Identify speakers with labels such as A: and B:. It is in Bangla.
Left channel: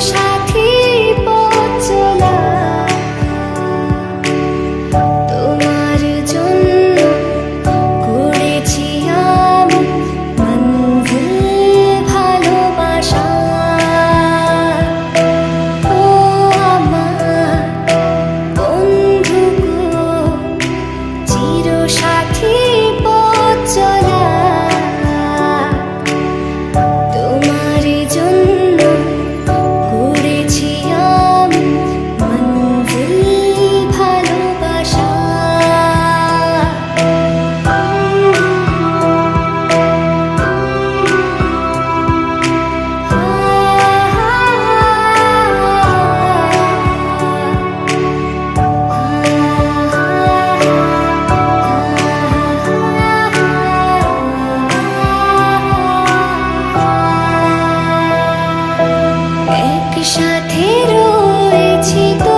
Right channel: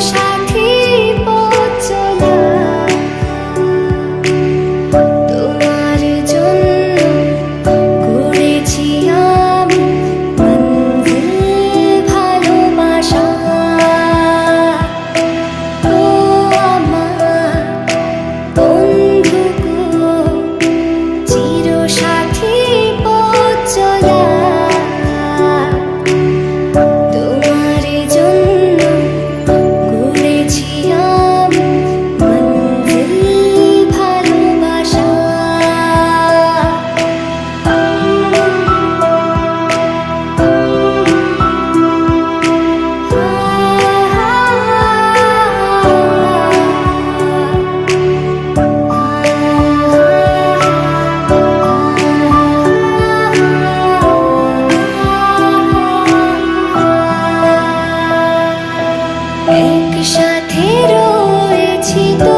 A: সারা সাথে রয়েছি তো